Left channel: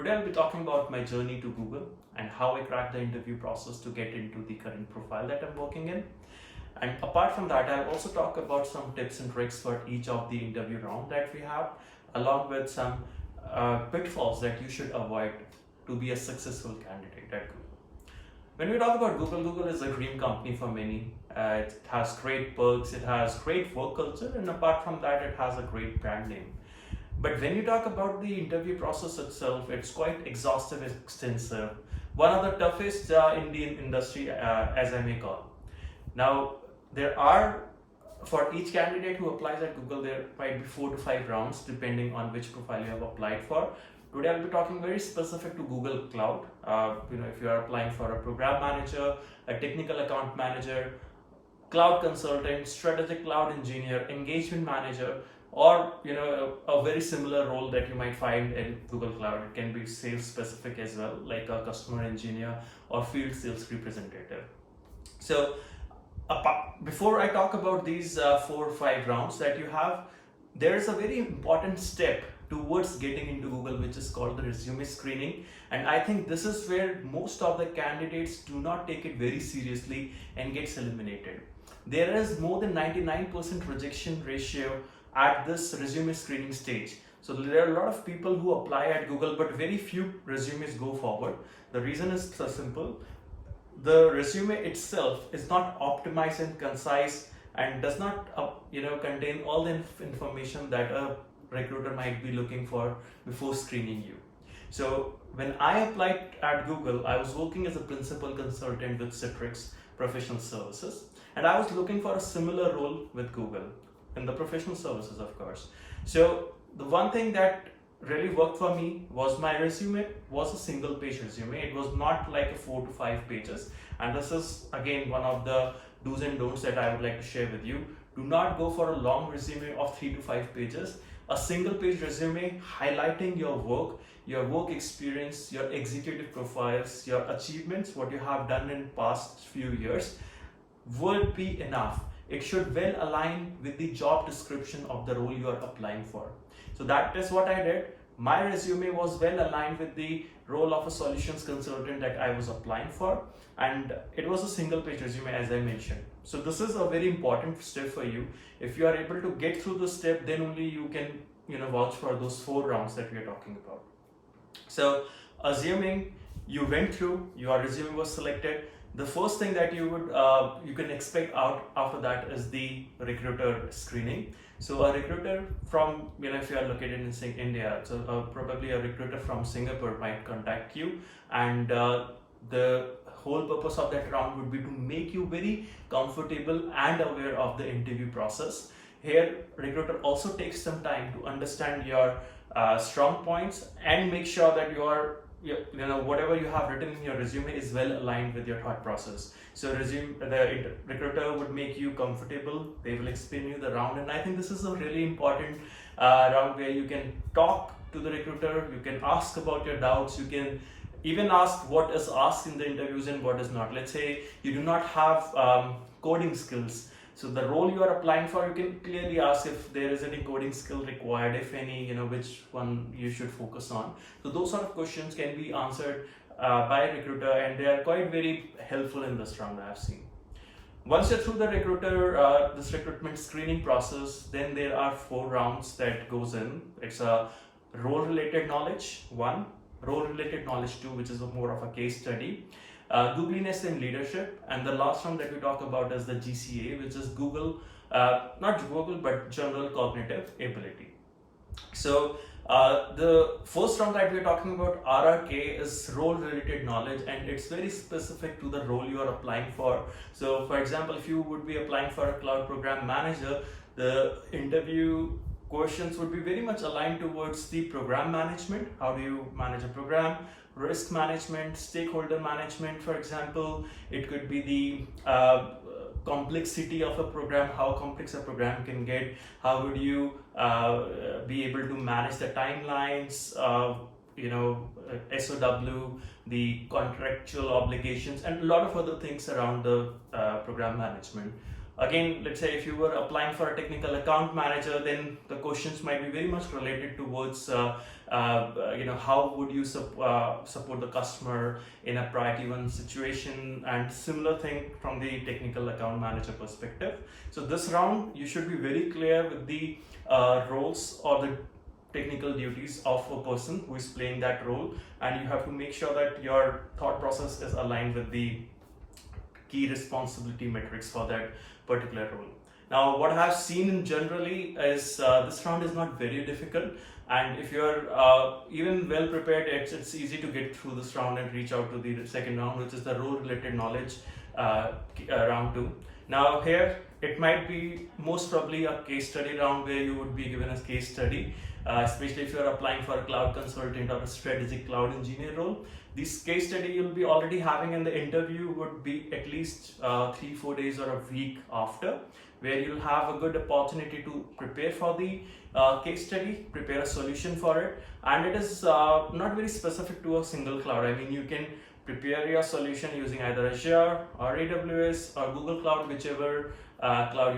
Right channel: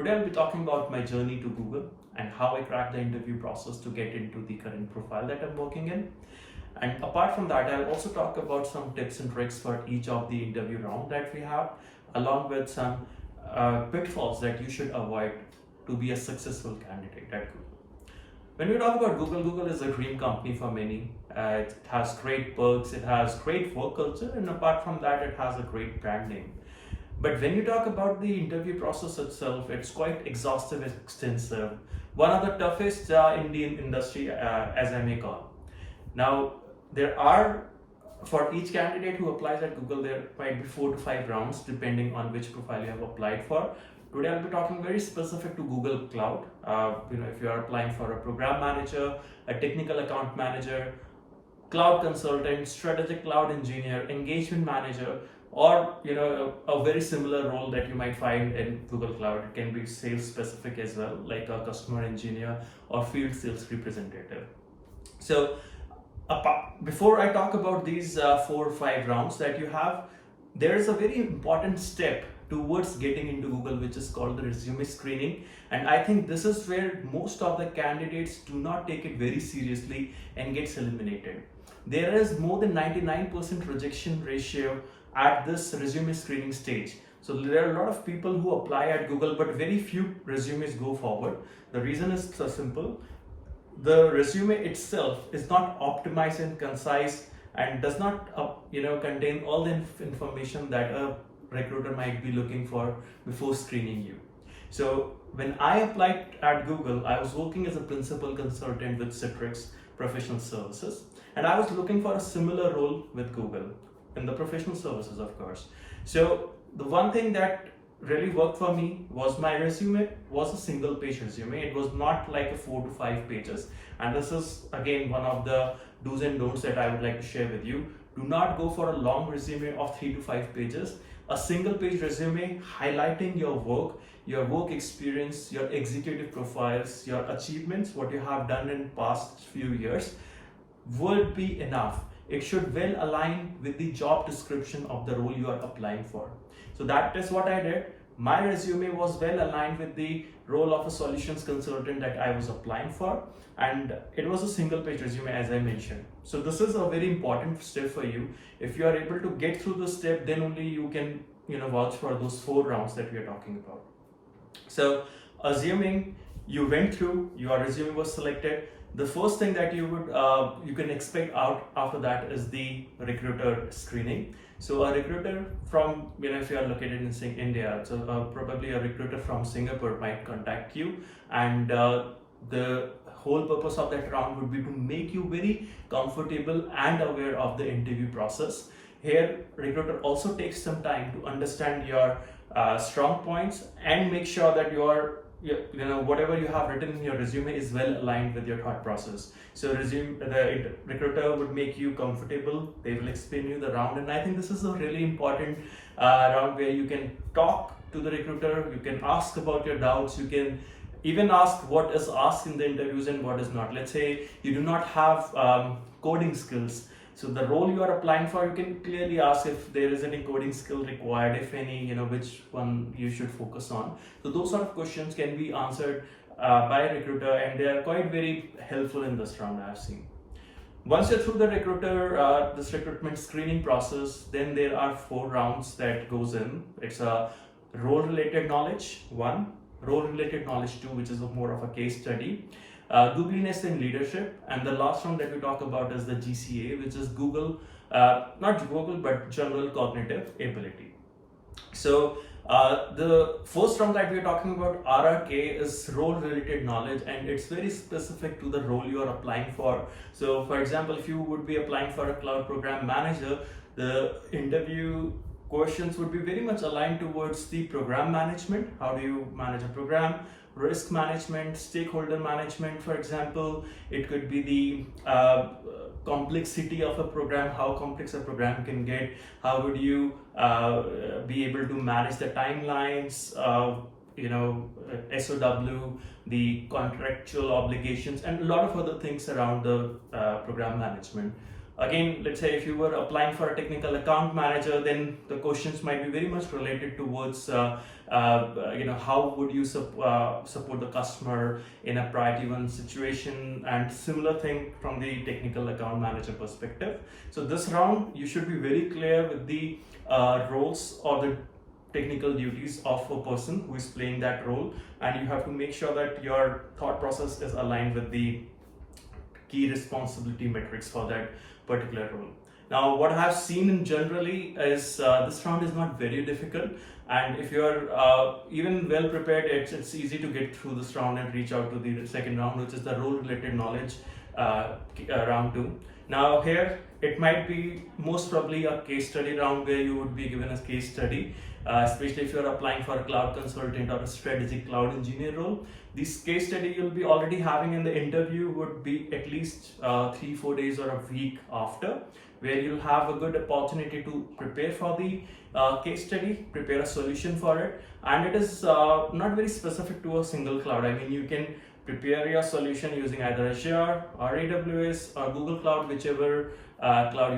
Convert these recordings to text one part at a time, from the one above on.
Today I'll be talking about my journey to Google and how I cracked the interview process to get into the current profile that I'm working in. And apart from that, I'll also talk about some tips and tricks for each of the interview round that we have, along with some pitfalls that you should avoid to be a successful candidate at Google. When we talk about Google, Google is a dream company for many. It has great perks, it has great work culture, and apart from that, it has a great brand name. But when you talk about the interview process itself, it's quite exhaustive, extensive. One of the toughest in the industry, as I may call. Now, there are, for each candidate who applies at Google, there might be 4 to 5 rounds depending on which profile you have applied for. Today I'll be talking very specific to Google Cloud. If you are applying for a program manager, a technical account manager, cloud consultant, strategic cloud engineer, engagement manager, or a very similar role that you might find in Google Cloud. It can be sales specific as well, like a customer engineer or field sales representative. So before I talk about these 4 or 5 rounds that you have, there is a very important step towards getting into Google, which is called the resume screening. And I think this is where most of the candidates do not take it very seriously and gets eliminated. There is more than 99% rejection ratio at this resume screening stage. So there are a lot of people who apply at Google, but very few resumes go forward. The reason is so simple. The resume itself is not optimized and concise and does not contain all the information that a recruiter might be looking for before screening you. So when I applied at Google, I was working as a principal consultant with Citrix Professional Services, and I was looking for a similar role with Google in the professional services, of course. So the one thing that really worked for me was my resume was a single page resume. It was not like a 4 to 5 pages. And this is again one of the do's and don'ts that I would like to share with you. Do not go for a long resume of 3 to 5 pages. A single page resume highlighting your work experience, your executive profiles, your achievements, what you have done in past few years would be enough. It should well align with the job description of the role you are applying for. So that is what I did. My resume was well aligned with the role of a solutions consultant that I was applying for, and it was a single page resume, as I mentioned. So this is a very important step for you. If you are able to get through this step, then only you can vouch for those 4 rounds that we are talking about. So assuming you went through, your resume was selected, the first thing that you can expect out after that is the recruiter screening. So a recruiter from, if you are located in India, so probably a recruiter from Singapore might contact you, and the whole purpose of that round would be to make you very comfortable and aware of the interview process. Here, recruiter also takes some time to understand your strong points and make sure that whatever you have written in your resume is well aligned with your thought process. So the recruiter would make you comfortable. They will explain you the round, and I think this is a really important round where you can talk to the recruiter. You can ask about your doubts. You can even ask what is asked in the interviews and what is not. Let's say you do not have coding skills. So the role you are applying for, you can clearly ask if there is any coding skill required, if any, which one you should focus on. So those sort of questions can be answered by a recruiter, and they are quite very helpful in this round, I have seen. Once you're through the this recruitment screening process, then there are 4 rounds that goes in. It's a role-related knowledge 1, role-related knowledge 2, which is more of a case study. Googliness Leadership, and the last round that we talk about is the GCA, which is not Google, but General Cognitive Ability. So the first round that we're talking about, RRK, is role-related knowledge, and it's very specific to the role you are applying for. So for example, if you would be applying for a cloud program manager, the interview questions would be very much aligned towards the program management. How do you manage a program? Risk management, stakeholder management, for example. It could be the complexity of a program, how complex a program can get. How would you be able to manage the timelines, SOW, the contractual obligations, and a lot of other things around the program management. Again, let's say if you were applying for a technical account manager, then the questions might be very much related towards how would you support the customer in a priority one situation, and similar thing from the technical account manager perspective. So this round you should be very clear with the roles or the technical duties of a person who is playing that role, and you have to make sure that your thought process is aligned with the key responsibility metrics for that particular role. Now, what I have seen in generally is this round is not very difficult, and if you're even well prepared, it's easy to get through this round and reach out to the second round, which is the role related knowledge round 2. Now here it might be most probably a case study round where you would be given a case study, especially if you're applying for a cloud consultant or a strategic cloud engineer role. This case study you'll be already having in the interview would be at least 3-4 days or a week after, where you'll have a good opportunity to prepare for the case study, prepare a solution for it, and it is not very specific to a single cloud. I mean, you can prepare your solution using either Azure or AWS or Google Cloud, whichever cloud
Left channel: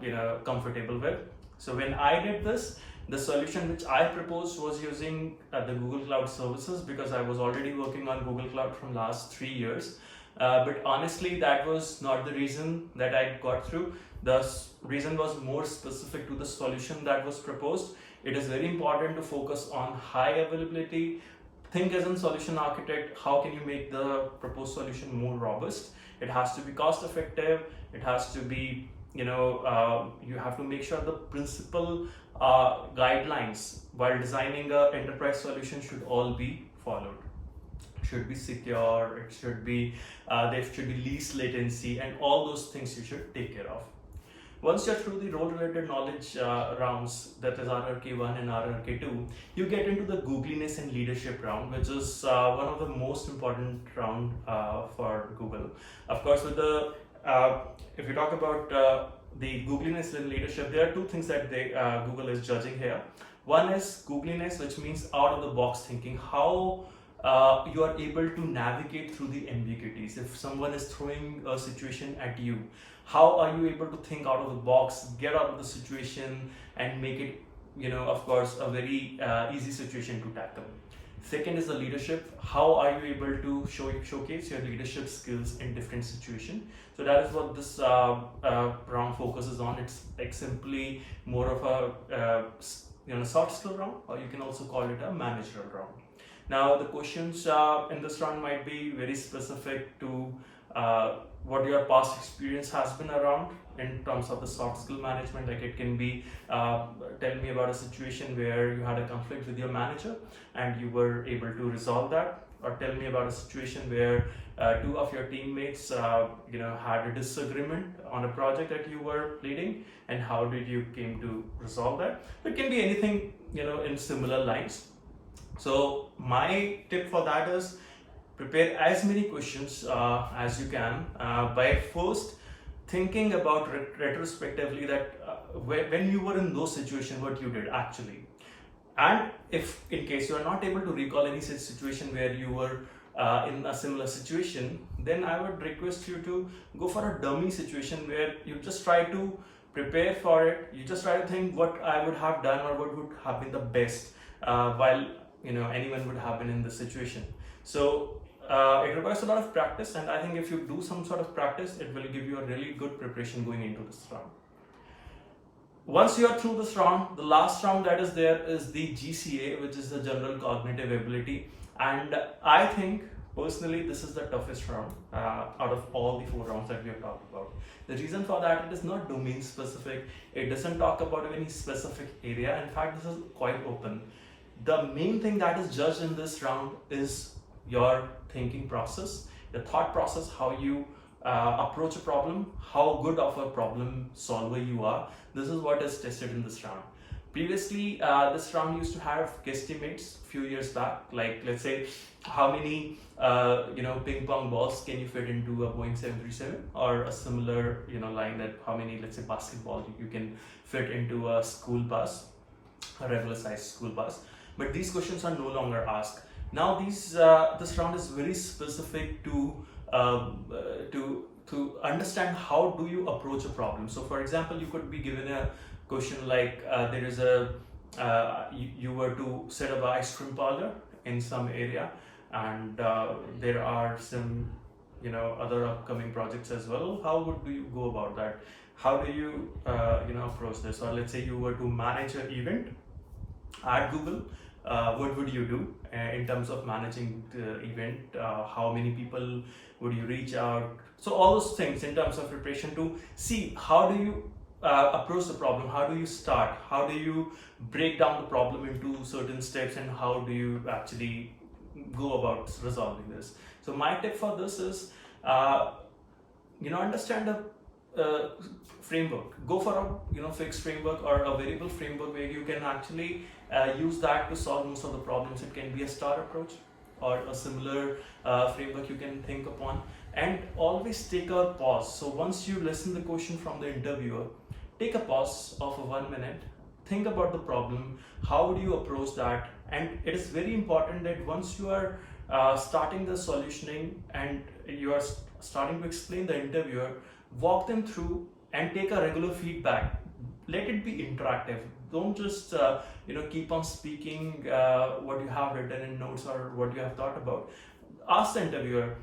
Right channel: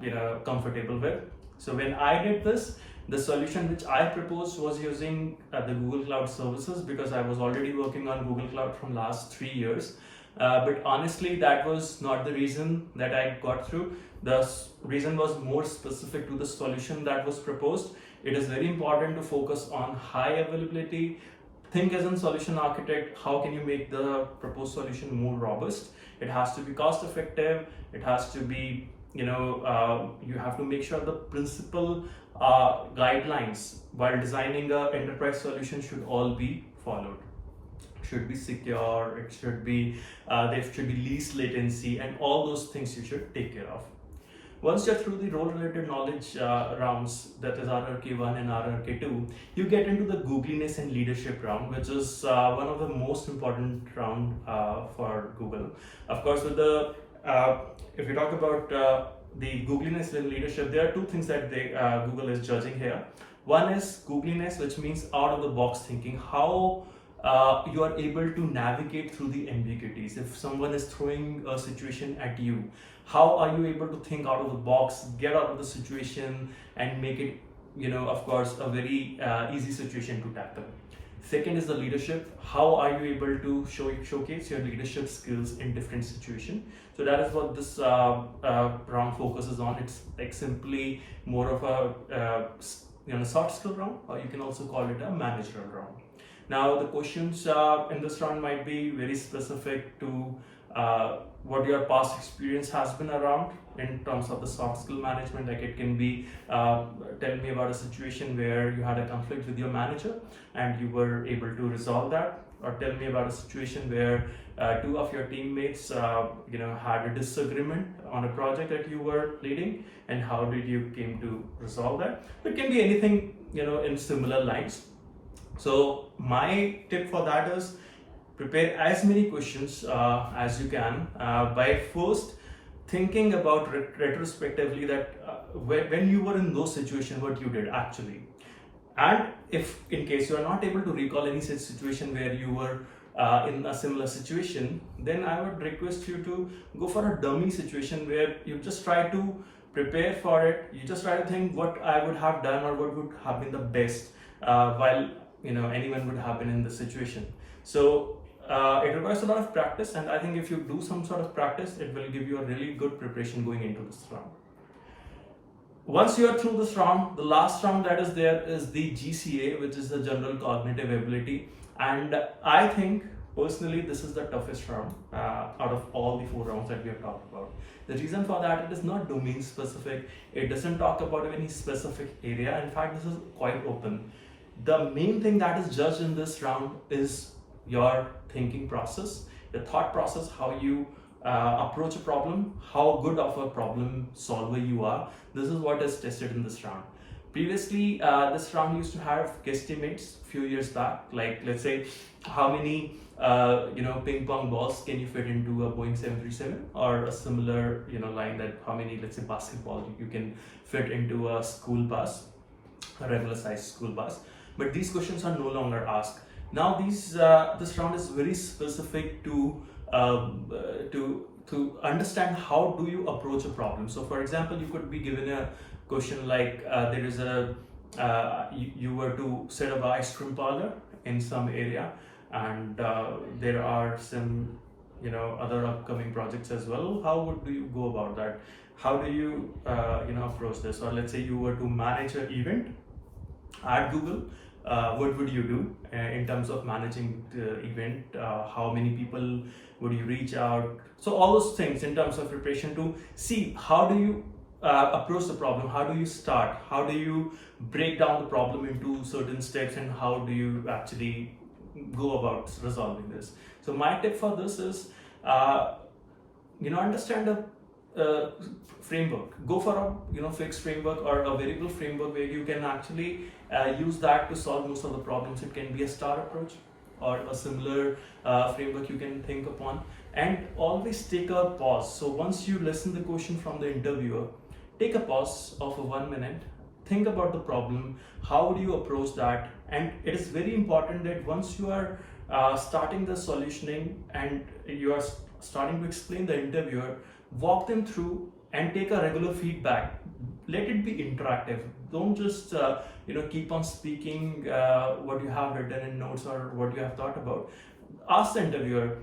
you are comfortable with. So when I did this, the solution which I proposed was using the Google Cloud services, because I was already working on Google Cloud from last 3 years. But honestly, that was not the reason that I got through. The reason was more specific to the solution that was proposed. It is very important to focus on high availability. Think as a solution architect, how can you make the proposed solution more robust? It has to be cost effective. It has to be, you have to make sure the principal guidelines while designing an enterprise solution should all be followed. It should be secure, it should be, there should be least latency, and all those things you should take care of. Once you're through the role related knowledge rounds, that is RRK1 and RRK2, you get into the Googliness and Leadership round, which is one of the most important round for Google. Of course, with the if you talk about the Googliness and Leadership, there are two things that Google is judging here. One is Googliness, which means out of the box thinking, how you are able to navigate through the ambiguities. If someone is throwing a situation at you, how are you able to think out of the box, get out of the situation, and make it, of course, a very easy situation to tackle. Second is the leadership. How are you able to showcase your leadership skills in different situations? So that is what this round focuses on. It's like simply more of a soft skill round, or you can also call it a managerial round. Now, the questions in this round might be very specific to what your past experience has been around in terms of the soft skill management. Like it can be, tell me about a situation where you had a conflict with your manager and you were able to resolve that, or tell me about a situation where two of your teammates had a disagreement on a project that you were leading, and how did you came to resolve that. It can be anything in similar lines. So my tip for that is prepare as many questions as you can by first thinking about retrospectively that when you were in those situations, what you did actually. And if in case you are not able to recall any such situation where you were in a similar situation, then I would request you to go for a dummy situation where you just try to prepare for it. You just try to think what I would have done or what would have been the best while anyone would have been in this situation. So it requires a lot of practice, and I think if you do some sort of practice, it will give you a really good preparation going into this round. Once you are through this round, the last round that is there is the GCA, which is the general cognitive ability, and I think personally this is the toughest round out of all the 4 rounds that we have talked about. The reason for that, it is not domain specific, it doesn't talk about any specific area. In fact, this is quite open. The main thing that is judged in this round is your thinking process, your thought process, how you approach a problem, how good of a problem solver you are. This is what is tested in this round. Previously, this round used to have guesstimates a few years back, like let's say how many ping pong balls can you fit into a Boeing 737, or a similar line that how many, let's say, basketball you can fit into a school bus, a regular sized school bus. But these questions are no longer asked. Now this round is very specific to to understand how do you approach a problem. So for example, you could be given a question like there is a you were to set up an ice cream parlor in some area, and there are some other upcoming projects as well. How would do you go about that? How do you approach this? Or let's say you were to manage an event at Google, what would you do in terms of managing the event? How many people would you reach out? So all those things in terms of preparation to see how do you approach the problem, how do you start, how do you break down the problem into certain steps, and how do you actually go about resolving this. So my tip for this is understand a framework. Go for a fixed framework or a variable framework where you can actually use that to solve most of the problems. It can be a star approach or a similar framework you can think upon, and always take a pause. So once you listen the question from the interviewer, take a pause of 1 minute, think about the problem, how would you approach that. And it is very important that once you are starting the solutioning and you are starting to explain the interviewer, walk them through and take a regular feedback. Let it be interactive. Don't just keep on speaking what you have written in notes or what you have thought about. Ask the interviewer,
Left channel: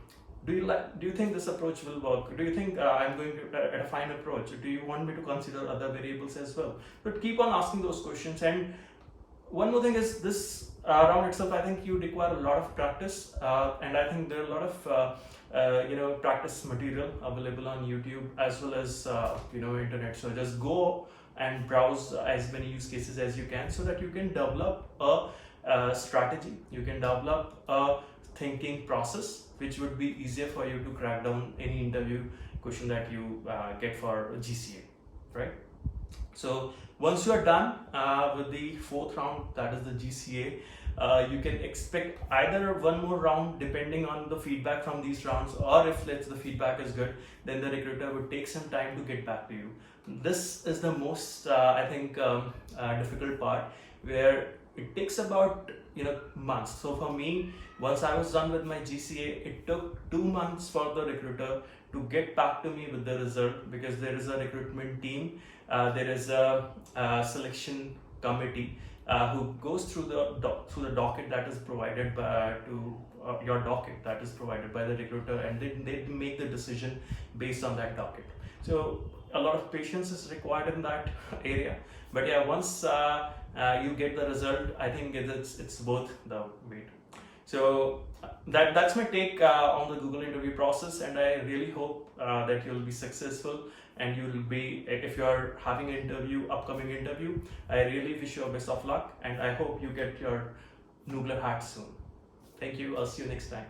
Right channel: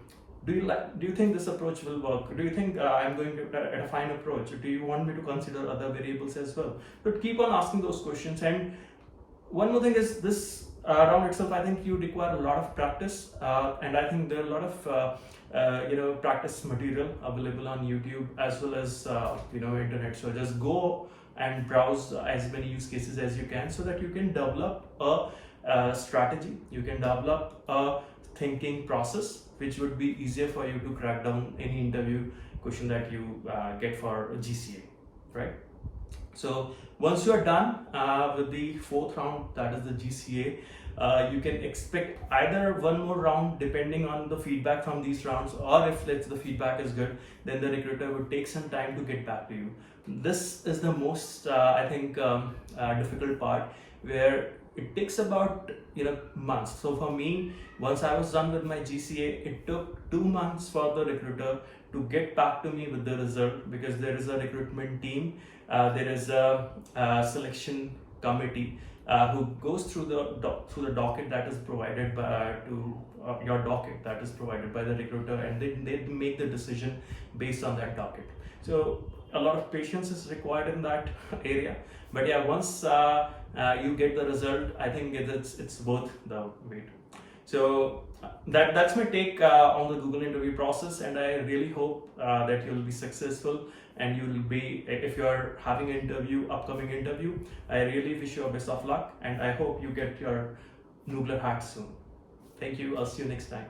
do you think this approach will work? Do you think I'm going to at a fine approach? Do you want me to consider other variables as well? But keep on asking those questions. And one more thing is this round itself, I think you require a lot of practice, and I think there are a lot of practice material available on YouTube as well as internet. So just go and browse as many use cases as you can, so that you can develop a strategy, you can develop a thinking process which would be easier for you to crack down any interview question that you get for GCA, right? So once you are done with the fourth round, that is the GCA, you can expect either one more round depending on the feedback from these rounds, or if the feedback is good, then the recruiter would take some time to get back to you. This is the most difficult part, where it takes about months. So for me, once I was done with my GCA, it took 2 months for the recruiter to get back to me with the result, because there is a recruitment team, there is a selection committee who goes through the docket that is provided to your docket that is provided by the recruiter, and they make the decision based on that docket. So a lot of patience is required in that area, but yeah, once you get the result, I think it's worth the wait. So that's my take on the Google interview process, and I really hope that you'll be successful, and you will be, if you're having an upcoming interview, I really wish you a best of luck, and I hope you get your Noogler hat soon. Thank you. I'll see you next time.